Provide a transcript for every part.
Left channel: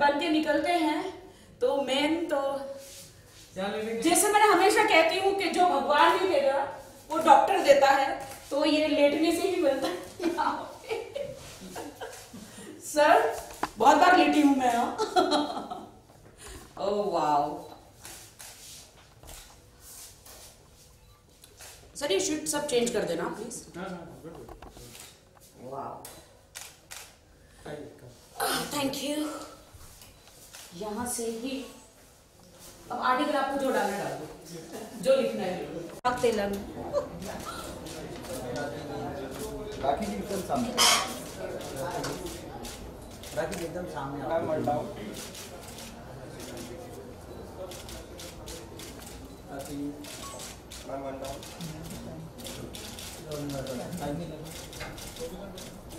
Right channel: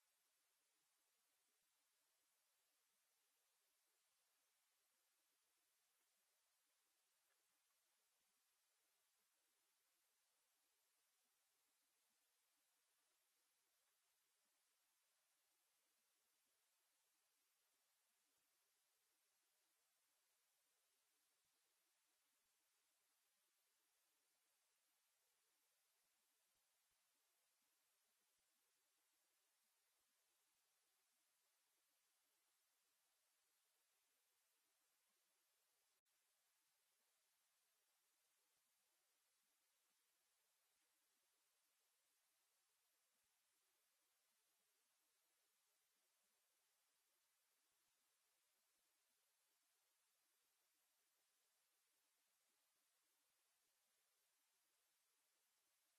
बन के निकलते हैं तो मेन तो जैसे मैंने हमेशा कहती हूँ कि जो भगवान नहीं देगा वो डॉक्टर देता है, तो ये लेटने से ही मिलता है। सर बहुत बार लेटी हूँ मैं। ओह वाओ सर, ये शीट सब चेंज कर देना प्लीज। Wow thank you. यहाँ से ही अब आर्टिकल आपको जो डालना डाल दो, जो लिखना है। तेलन राखी जी एकदम सामने, राखी जी एकदम सामने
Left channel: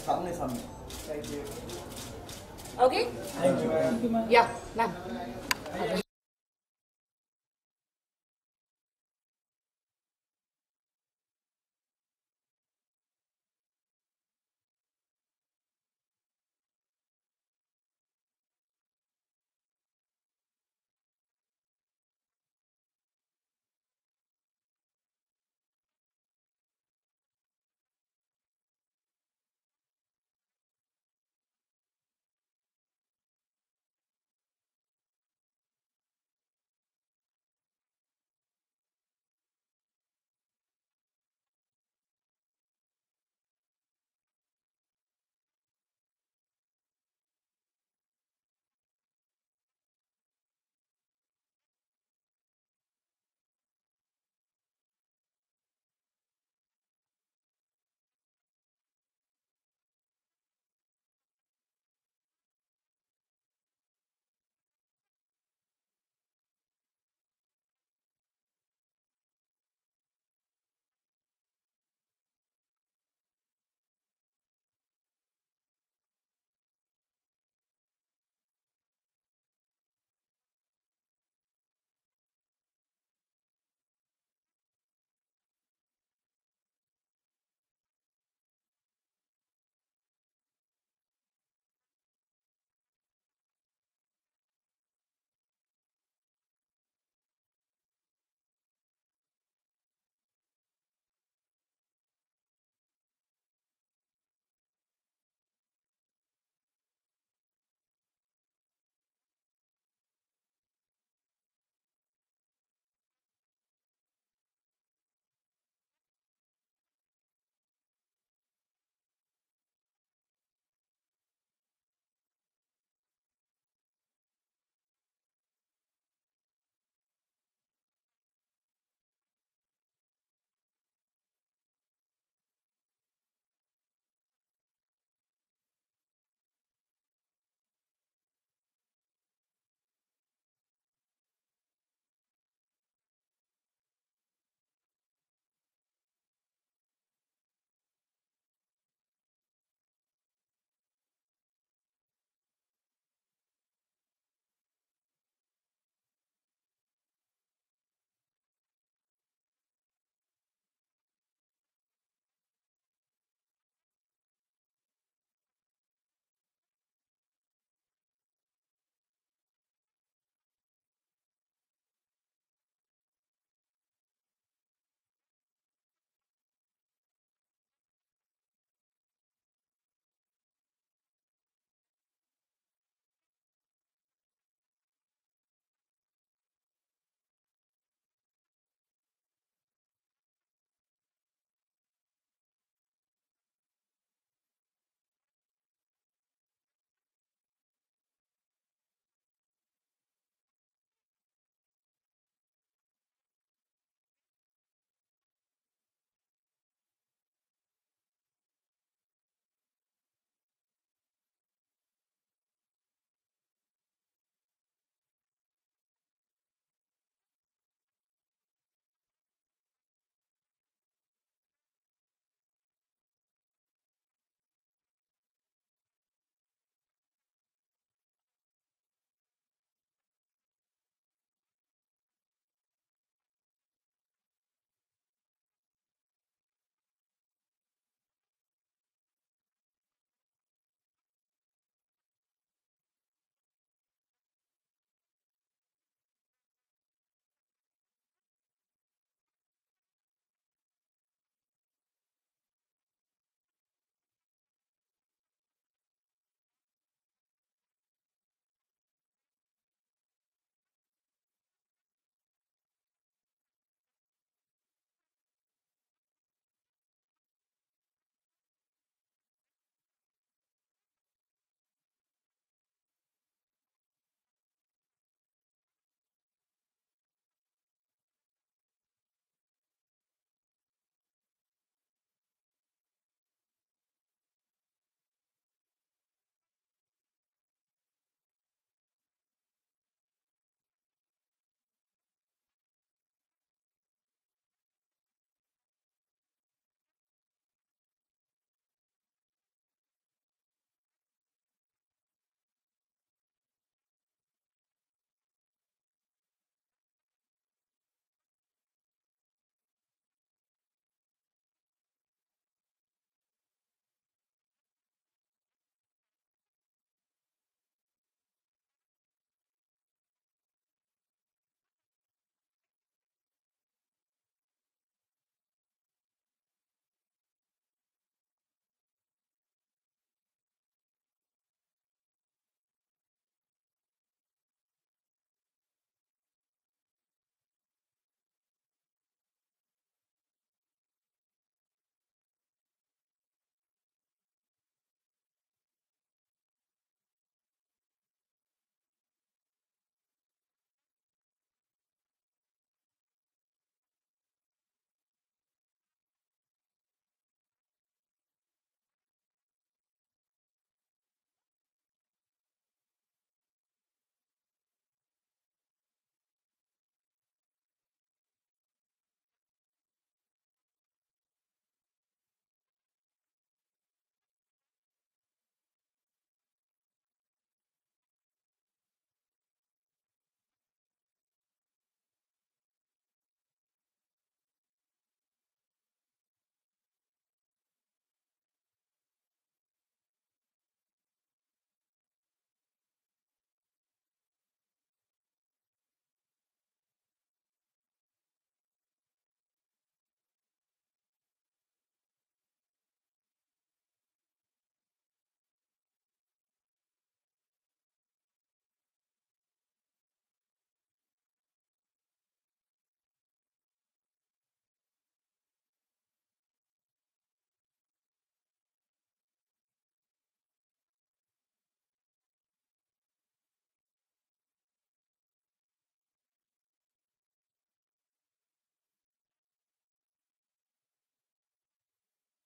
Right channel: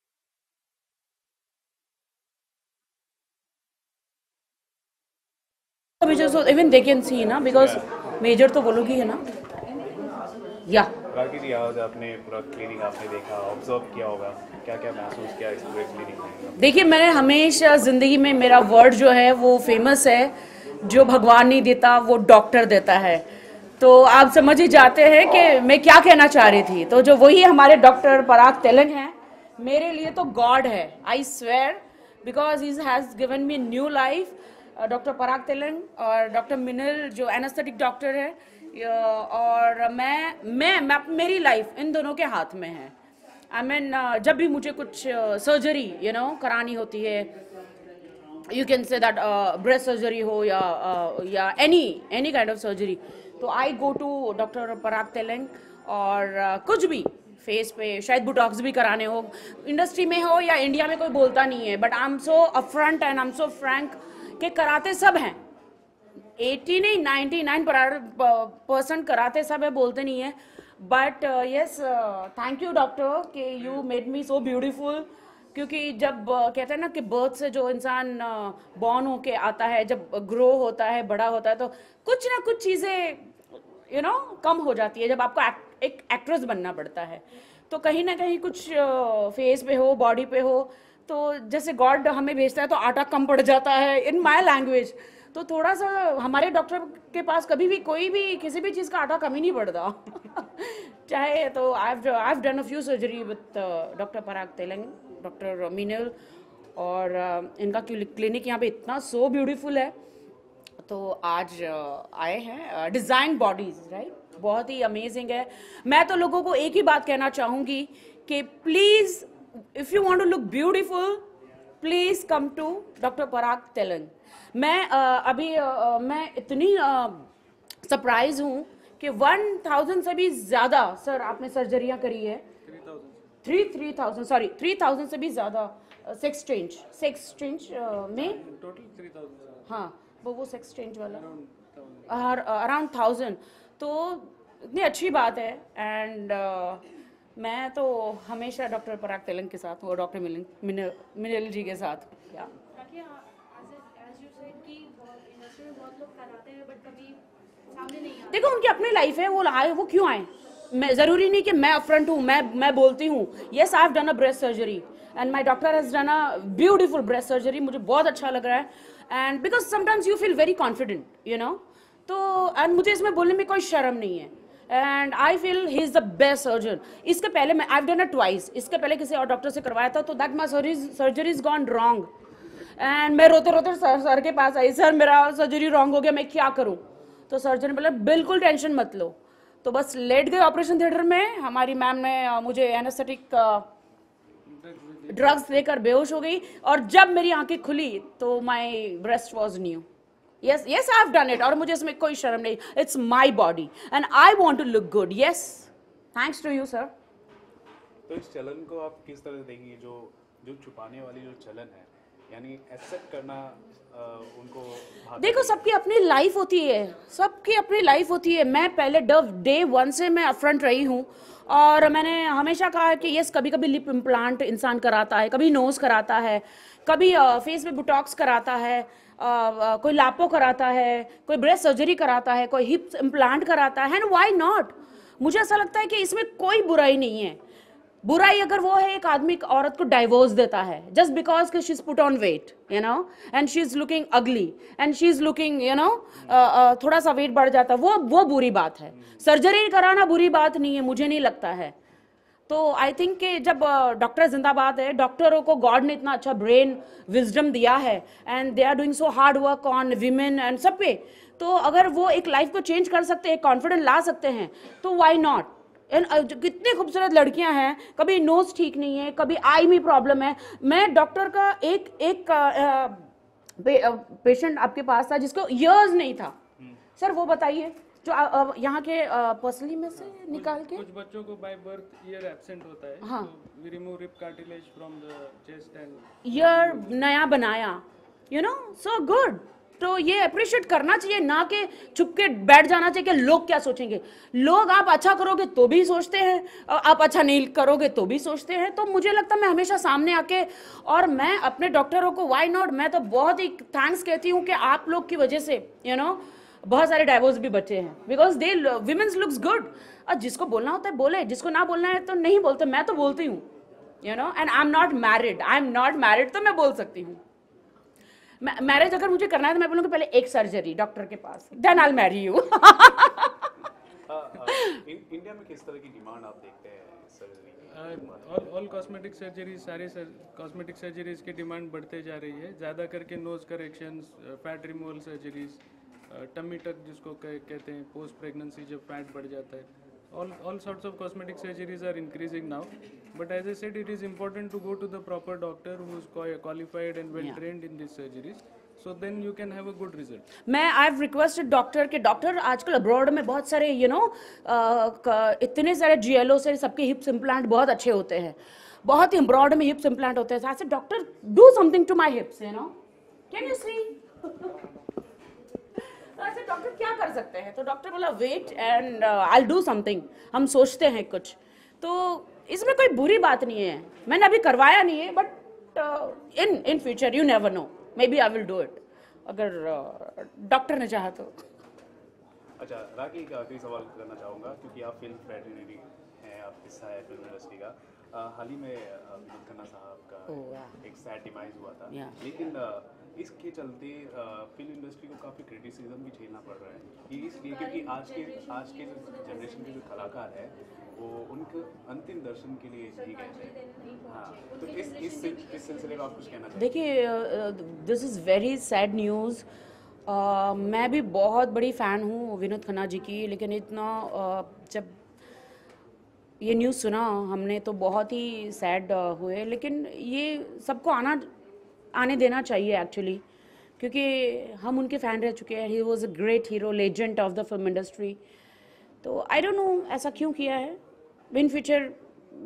सामने सामने। okay yeah ma'am major, so even they can see ना, because major तो वो लोग ही है ना। या राखी जी, आज आपने पूरा क्लिनिक आपने देखा, ऑब्जर्व किया होगा, क्या क्या महसूस किया इस पूरे क्लिनिक में? देखिए, मैंने हमेशा ज़िंदगी में मेरा वर्ड जो है वो फेमस है, जो भगवान नहीं देता वो डॉक्टर देता है। तो आप समझ ही जाते हैं कि मैं क्या कहना चाह रही थी। तो जो वही हमारे डॉक्टर पराग तेलंग हैं, मेरे लिए तो गॉड है, I swear, because he has given me new life. Doctor Parag Telang और डॉक्टर मिनल जो एनेस्थेटिक डॉक्टर है, और मैं मेरी लाइफ इन दोनों के हाथ में है। आई मीन जब भी मुझे कुछ सर्जरी करानी होती है, you can say that breast surgery हो या एनी काइंड ऑफ सर्जरी, तो आई go to doctor Parag Telang. और कुछ भी फेस पे शायद बुटॉक्स भी कराने हो, इंडस्ट्री में हो या इंडिया में, कोई बोलता नहीं है, but I am so upfront and I am so Frank के कराते सब हैं। 80 नहीं 99% कराते सब है, बोलते नहीं है। But yes, thank you doctor कि you made me so beautiful. क्योंकि जब कहते हैं ना कि बर्थ से जो इंसान बॉर्न होके आता है, जब ग्रो होता है, बड़ा होता है, तो कुछ ना कुछ चीज़ें कम हो जाती है जब आपको एक एक्ट्रेस बनना पड़ता है। तो कहीं ना कहीं कुछ फेस पे हो, बॉडी पे हो, तो जैसे गॉड हमें भेजता है तो आटा कम पड़ जाता है, इन माय लैंग्वेज। तो थोड़ा सा हमारे डॉक्टर के पास कभी भी कोई भी किसी भी चीज़ का आटा कम ही नहीं पड़ता। चाहे तो आई have done a few surgery with doctor Parag Telang, doctor मिनल, और इनका क्लिनिक यहाँ पे इतना सो ब्यूटीफुल है। तो आज आए हैं डिज़ाइन बॉडीज, राइट, बहुत ही अमेजिंग है। मैं तो लोगों को एक ही बात कहना चाहूँगी कि please, if you want to look beautiful, please come to doctor Parag Telang. मैं मैं इतनी सरप्राइज हूँ कि 1000 से भी ज़्यादा सर आपने सर्जरियाँ करी है। 3000 से भी ज़्यादा सेक्स चेंज में टोटल 3000। हाँ, वो सेक्स चेंज वाला अराउंड 1000। तो इतनी अच्छी बात है। एंड मैं तो हमेशा डॉक्टर पराग तेलंग के साथ हूँ और डॉक्टर मिनल जी के साथ। या देखो, उनकी अपनी लाइफ है, वो आए, वो क्यों आए। मैं ज़रूरी नहीं कि मैं अपफ्रंट हूँ, मैं बोलती हूँ yes I have done a breast surgery and my doctor has done a beautiful breast surgery. मुझे बहुत अच्छा लग रहा है। And because sometimes you feel very confident तो एंड मुझे इसमें बोलने में कोई शर्म नहीं है। And I feel he is the best surgeon. इसके पहले मैं आई हैव डन अ ट्वाइस, इसके पहले किसी और डॉक्टर से करवाया था, तो that my surgery is gone wrong. And मैं रोते रोते सर के पास आई, सर मेरा सर्जरी रॉन्ग हो गया, मैं क्या करूँ। तो सर्जन ने बोला बिल्कुल टेंशन मत लो। तो बस लेट गए ऑपरेशन थिएटर में। हमारी मैम ने मुझे एनेस्थेटिक ड्रग्स देकर बेहोश हो गई, और जब मेरी आंखें खुली तो my breast was new. Yes I have done it, और मुझे इसमें कोई शर्म नहीं। It's my body and I want to look good. Yes, thanks to you sir. तो इस चलन को आप किस तरह देखेंगे, जो छुपाने वाली जो चलन है, यानी एक्सेप्ट करना उनको? देखो, सबकी अपनी लाइफ होती है, सबकी अपनी लाइफ होती है। मैं पहले डे 1 से मैं अपफ्रंट रही हूँ, और मैंने हमेशा कहा है कि यस, कभी कभी लिप इम्प्लांट इंसान कराता है, कभी नोज कराता है, कभी फेस में बुटॉक्स कराता है, कोई लापो कराता है, कोई ब्रेस्ट सर्जरी कराता है, कोई हिप इम्प्लांट कराता है। And why not. मुझे ऐसा लगता है कि इसमें कोई बुराई नहीं है। बुराई अगर वो है एक आदमी औरत को डाइवोर्स देता है जस्ट बिकॉज कि she is put on weight you know and she is looking ugly and she is looking you know थोड़ा सा वेट बढ़ जाता है, वो बुरी बात है। सर्जरी कराना बुरी बात नहीं है, मुझे नहीं लगता है। तो आई थिंक कि जब डॉक्टर जिंदाबाद है, डॉक्टरों को गॉड ने इतना अच्छा ब्रेन विजडम दिया है and they are doing so hard work on women and सब पे, तो अगर वो एक लाइफ को चेंज कर सकते हैं, कॉन्फिडेंस ला सकते हैं, तो वाई नॉट। कितनी खूबसूरत लड़कियां हैं, कभी नोज ठीक नहीं है, कभी आई में प्रॉब्लम है। मैं डॉक्टर का एक पेशेंट आपके पास था जिसको ईयर्स नहीं था सर, वो बताइए जो यहाँ के पर्सनली में से निकाल के कुछ बच्चों को बाय बर्थ ईयर एब्सेंट होता है, हाँ, we remove rib cartilage from the chest and ear नया बनाया, यू नो, सो गुड। तो ये अप्रिशिएट करना चाहिए, ना कि छुप के बैठ जाना चाहिए कि लोग क्या सोचेंगे। लोग आप अच्छा करोगे तो भी सोचते हैं, आप अच्छा नहीं करोगे तो भी सोचते हैं। तो मुझे लगता है मैं हमेशा सामने आके, और मैं अपने डॉक्टरों को व्हाई नॉट, मैं तो बहुत ही थैंक्स कहती हूँ कि आप लोग की वजह से यू नो बहुत सारे डाइवोर्स भी बचे हैं, because they women's looks good. और जिसको बोलना होता है बोले, जिसको ना बोलना है तो नहीं बोलते। मैं तो बोलती हूँ you know, and I am not married, तो मैं बोल सकती हूँ। मैरिज अगर मुझे करना है तो मैं बोलूँगी पहले एक सर्जरी डॉक्टर के पास, then I will marry you. India में किस तरह की डिमांड आप देखते हैं सर्जरी? ऑल कॉस्मेटिक सर्जरीज, सारे कॉस्मेटिक सर्जरीज की डिमांड बढ़ते जा रही है, ज़्यादा करके nose corrections, fat removal surgeries, tummy tuck जिसको कहते हैं, पोस्ट प्रेगनेंसी जब फैट बढ़ जाता है, all sorts of cosmetic surgeries are increasing now, but as I said, it is important to go to the proper doctor who is qualified and well trained in these surgeries, so then you can have a good result. मैं I have requested doctor के, doctor आजकल abroad में बहुत सारे you know इतने सारे GLO से सबके हिप्स इम्प्लांट बहुत अच्छे होते हैं, बहुत ही अब्रॉड में हिप्स इम्प्लांट होते हैं। ऐसे doctor do something to my hips, you know, can you see. ऐसे डॉक्टर क्या कर सकते हैं? तो डॉक्टर बोला wait and I do something. हम सोचते हैं कुछ, तो इसमें कोई बुरी बात नहीं है। मैंने अभी करवाया नहीं है, but in future you never know, maybe I will do it, अगर डॉक्टर ने चाहा तो। अच्छा, राखी का आखिरी सवाल करना चाहूँगा, क्योंकि आप फिल्म फ्रेटर्निटी हैं, आप हिस्सा है फिल्म इंडस्ट्री का। हाल ही में विनोद खन्ना साहब का एक सैड डिमाइज हुआ था, लेकिन इसके चलते फिल्म इंडस्ट्री को काफ़ी क्रिटिसिज्म भी झेलना पड़ रहा है। ये इसलिए क्योंकि आज के जनरेशन के जो कलाकार हैं वो उनके अंतिम दर्शन के लिए ही गए थे। हाँ, तो इस सिलसिले में आप कुछ कहना चाहिए? देखिए, this is very sad news. मैं भी बहुत बड़ी फ़ैन हूँ विनोद खन्ना जी की, लेकिन इतना जब ये न्यूज़ सुना हमने तो बहुत ही सैड हुए। लेकिन ये सबको आने देना चाहिए एक्चुअली, क्योंकि हम उनके फ़ैन रह चुके हैं। He was a great hero, legend of the film industry. तो आई डोंट नो ऐसा क्यों किया है। इन फ्यूचर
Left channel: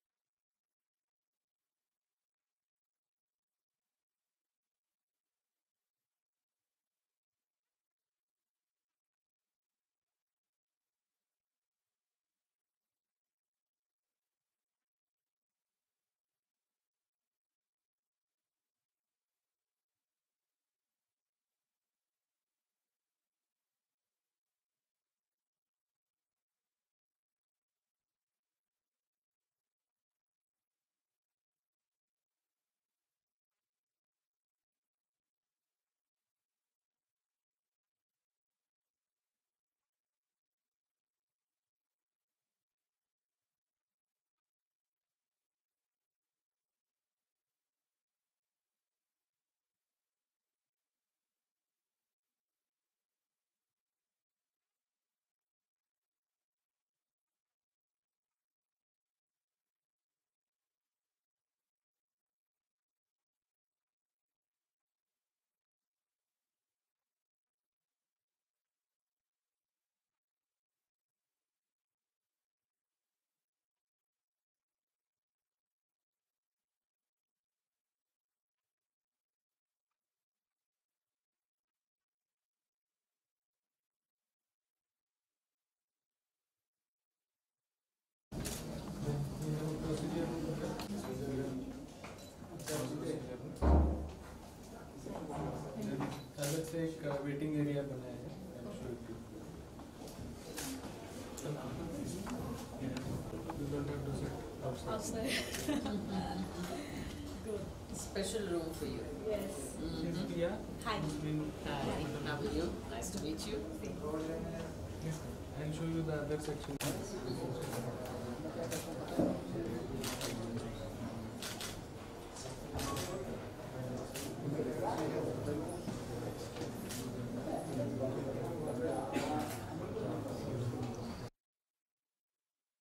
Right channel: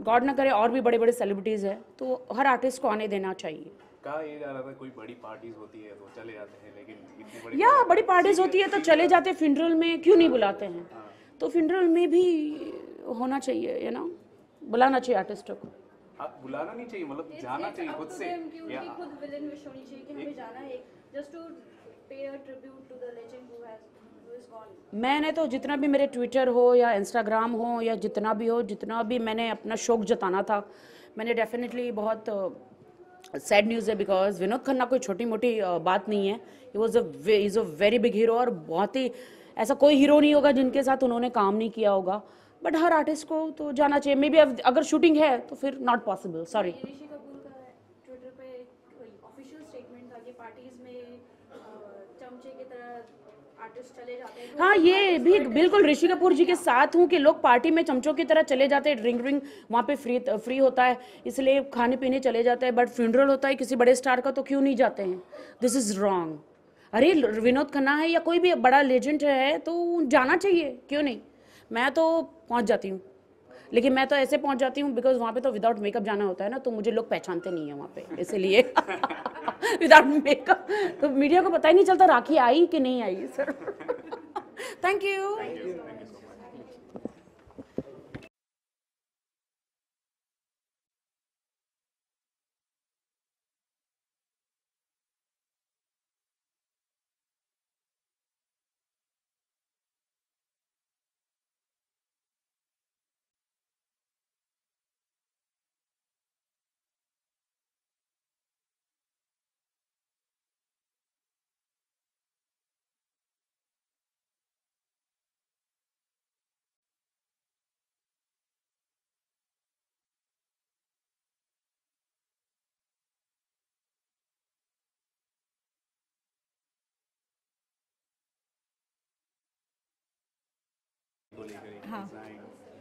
गॉड ना करे और भी बड़े बड़े सेलिब्रिटीज़ हैं, तो हर आर्टिस्ट को आने देना चाहिए। कहा ये जा रहा था कोई बड़ी पार्टीज होती है तो चले जाते हैं, लेकिन इतनी बड़ी या बड़ी पार्टीज होती है तो चले जाते हैं, फ्यूनरल में क्यों नहीं बुलाते हैं? तो फ्यूनरल में भी होना चाहिए, यू नो, बुलाना चाहिए आर्टिस्टों को। आप बुलाना नहीं चाहिए, मतलब जाना चाहिए खुद से, या खुद विलन विश होनी चाहिए कि हमें जाना है, just to pay a tribute to the legend who is gone. मैंने तो जितना भी मेरे ट्विटर हो या इंस्टाग्राम हो या जितना भी हो, जितना भी मैंने अपना शौक जताना था, मैंने डेफिनेटली बहुत सैड न्यूज़ है, बिकॉज विनोद खन्ना कोई छोटी मोटी बात नहीं है। He is a very big hero, और बहुत ही ऐसा कोई हीरो नहीं होगा जिनके साथ उन्होंने काम नहीं किया होगा। बट हर आर्टिस्ट को तो जाना चाहिए। मे बी अगर शूटिंग है तो फिर not possible, sorry. Rishi Kapoor का ट्विटर पे ऑफिशियल स्टेटमेंट था कि पार्टीज में चमचे की तरह आर्टिस्ट चले जाते हैं। हाँ, ये भी बिल्कुल ऋषि कपूर जी के साथ हूँ कि लोग पार्टी में चमचों की तरह चले जाते हैं। ड्रिंक वहाँ पे फ्री होता है, इसलिए खाने पीने चले जाते हैं। बट फ्यूनरल होता है किसी बड़े स्टार का तो क्यों नहीं जाते हैं? This is wrong. अरे विनोद खन्ना है या कोई भी बड़ा लेजेंड है तो जाना चाहिए, क्यों नहीं? मैं तो पहुंच जाती हूँ, लेकिन मैं तो ऐसे पहुंच जाती हूँ बिकॉज वहाँ पे तो विदाउट मेकअप जाना होता है ना, तो मुझे लोग पहचानते नहीं है वहाँ पे, इसलिए विदाउट मेकअप तो मीडिया को पता ही नहीं चलता राखी आई कि नहीं आई। Sir thank you. अलग से एक वेटिंग एरिया बनाया है, You don't have to sit outside. outside. Good. Special room for you. Yes. Yeah. Hi. Hi, how are you? Nice to meet you. I'll show you the other section. को लेकर एक हाँ।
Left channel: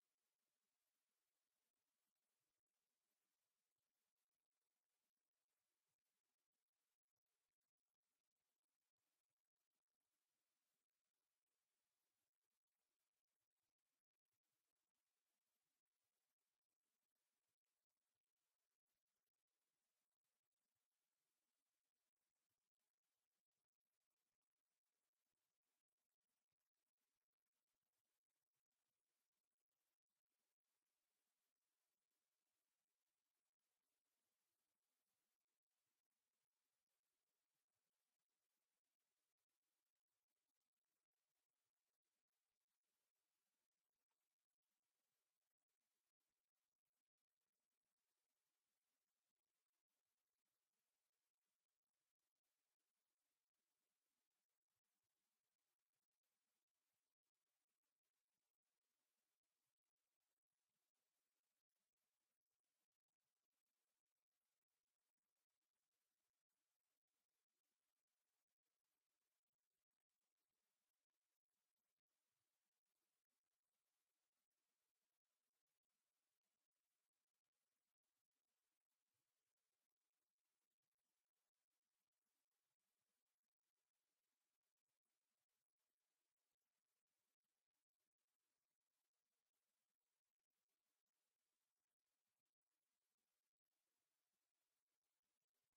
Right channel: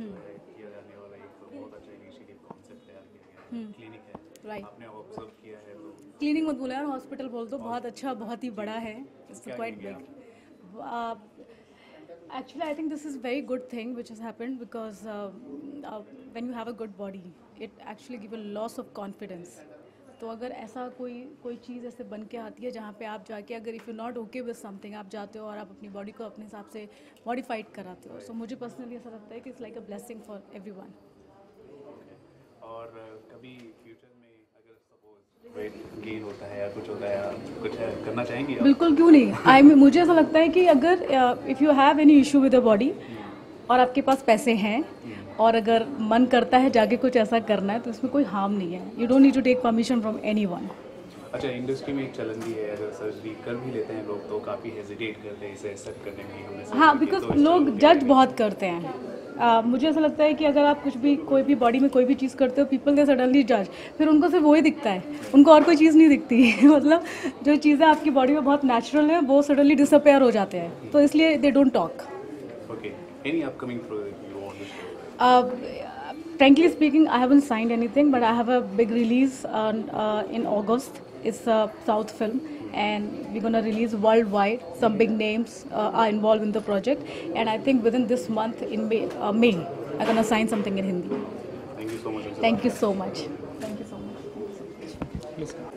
Design किया जाने वाला एक बहुत अच्छा इनिशिएटिव कॉन्सेप्ट तैयार किया गया है क्लिनिक है Right. आपने ऑब्जर्व किया है तो क्लिनिक मत बोला यार, हॉस्पिटल बोल दो। बहुत अच्छा, बहुत ही बड़ा है। इट्स क्या क्वाइट कहेंगे big. Actually, I think this is very good thing which has happened because when you have a good body, it actually give a loss of confidence. तो अगर ऐसा कोई चीज़ ऐसे बन के आती है जहाँ पे आप जाके अगर if you not okay with something आप जाते हो और आप अपनी बॉडी को अपने हिसाब से मॉडिफाइड कराते हो, सो मुझे पर्सनली ऐसा लगता है कि it's like a blessing for everyone. और कभी फ्यूचर में अगर सपोज वेट गेन होता है या कुछ होता है आप कुछ करना चाहेंगी आप? बिल्कुल, क्यों नहीं. मुझे ऐसा लगता है कि अगर if you have any issue with the body और आपके पास पैसे हैं और अगर मन करता है जाके कुछ ऐसा करना है तो इसमें कोई हार्म नहीं है. You don't need to take permission from anyone. अच्छा, इंडस्ट्री में एक चलन भी है अगर सर्जरी कर भी लेते हैं लोग तो काफ़ी हेजिटेट करते हैं इसे एक्सेप्ट करने में हमने हाँ, बिकॉज लोग जज बहुत करते हैं. मुझे ऐसा लगता है कि अगर आप कुछ भी कोई भी बॉडी में कोई भी चीज़ करते हो, पीपल दे सडनली जज. फिर उनको सिर्फ वही दिखता है, उनको और कोई चीज़ नहीं दिखती. मतलब जो चीज़ें आपकी बॉडी में बहुत नेचुरल है वो सडनली डिसअपेयर हो जाते हैं. तो इसलिए they don't talk. Okay, any upcoming project you want to share? Frankly speaking, I haven't signed anything, but I have a big release in August. It's a South film, and we're gonna release worldwide. Some big names are involved in the project, and I think within this month, in May, I'm gonna sign something in Hindi. Thank you so much. Thank you so much. Thank you so much.